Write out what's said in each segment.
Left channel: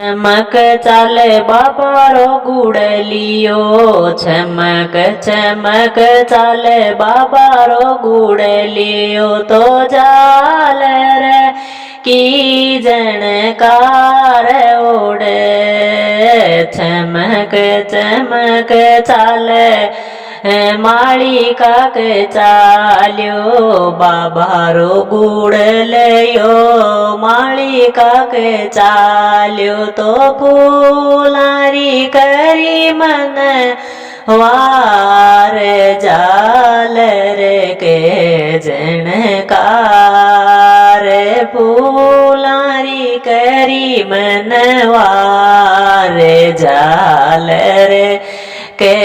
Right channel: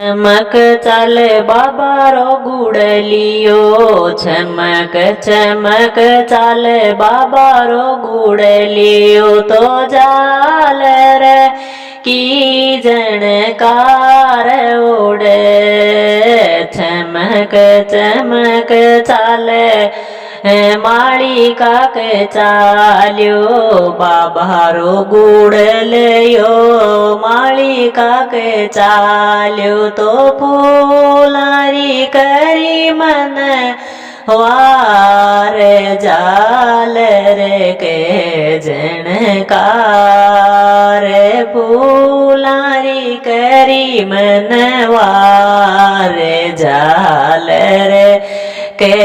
चमक चाले बाबा रो गुड़लियो, चमक चमक चाले बाबा रो गुड़लियो, तो जाल रे की जनकार ओडे। चमक चमक चाले मालिका के चाल्यो, बाबा रो गुड़लियो मालिका के चाल्यो, तो फूलारी करी मन वार जाल रे के जनकार। फूलारी करी मन वार जाल रे के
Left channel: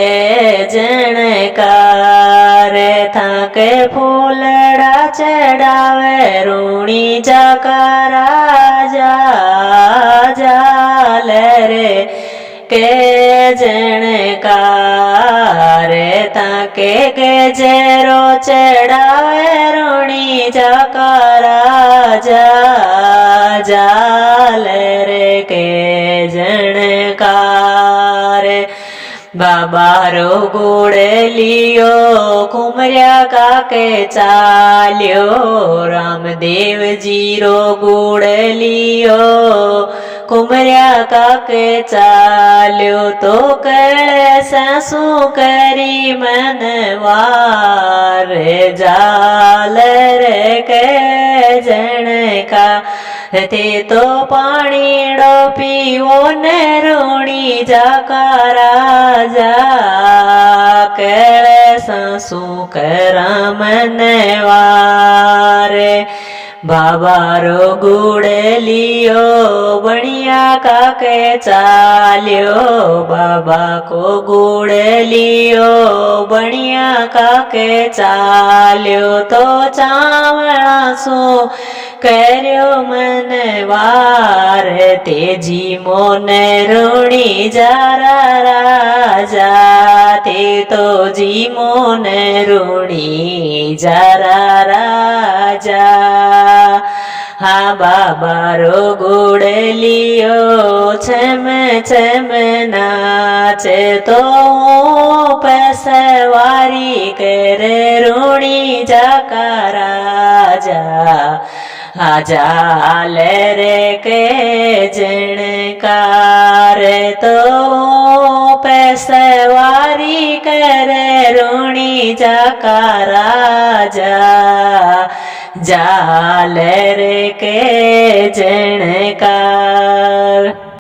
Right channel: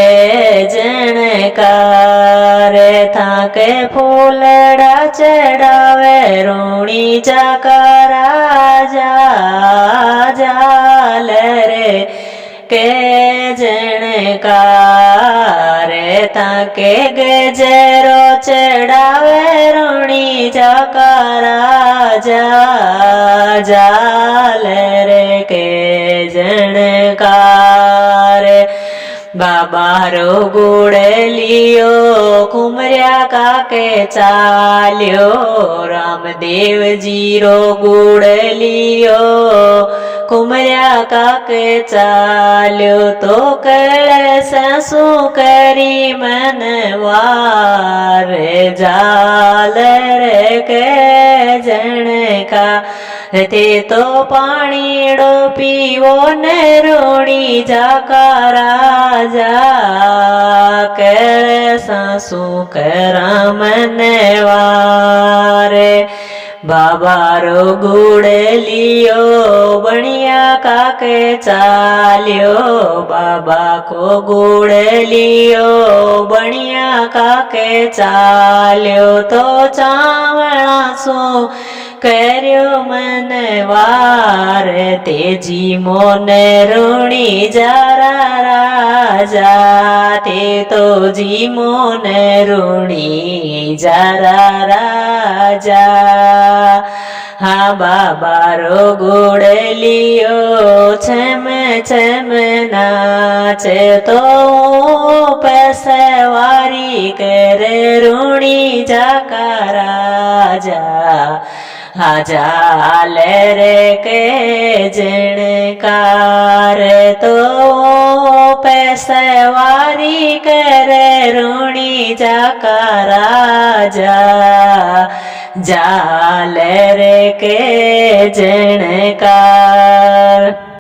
जनकार। थाके फूलड़ा चढ़ावे रूणी जाकारा जा जाल रे के जनकार। ताके गजरो चढ़ावे रूणी जाकारा जा जाल रे के जनकार। बाबा रो गुड़लियो कुमरिया काके चाल्यो, रामदेव जी रो गुड़लियो कुमरिया काके चाल्यो, तो कलशु करी मन वार जाल रे के जनका। ते तो पाणीड़ो पीवो ने रूणी जाकारा जा, कलशु करा मन वार। बाबा रो गुड़लियो बणिया काके चाल्यो, बाबा को गुड़लियो बणिया काके चाल्यो, तो चावला सु कर्यो मन वार। तेजी मोन रूणी जारा राजा, ते तो जी मोन रूणी जारा राजा। हाँ बाबा रो गुड़लियो छम छम नाचे, तो पैसवारी कर रूणी जाकारा जा जाल रे के जनकार। तो पैसवारी कर रूणी जाकारा जा जाल रे के जनकार।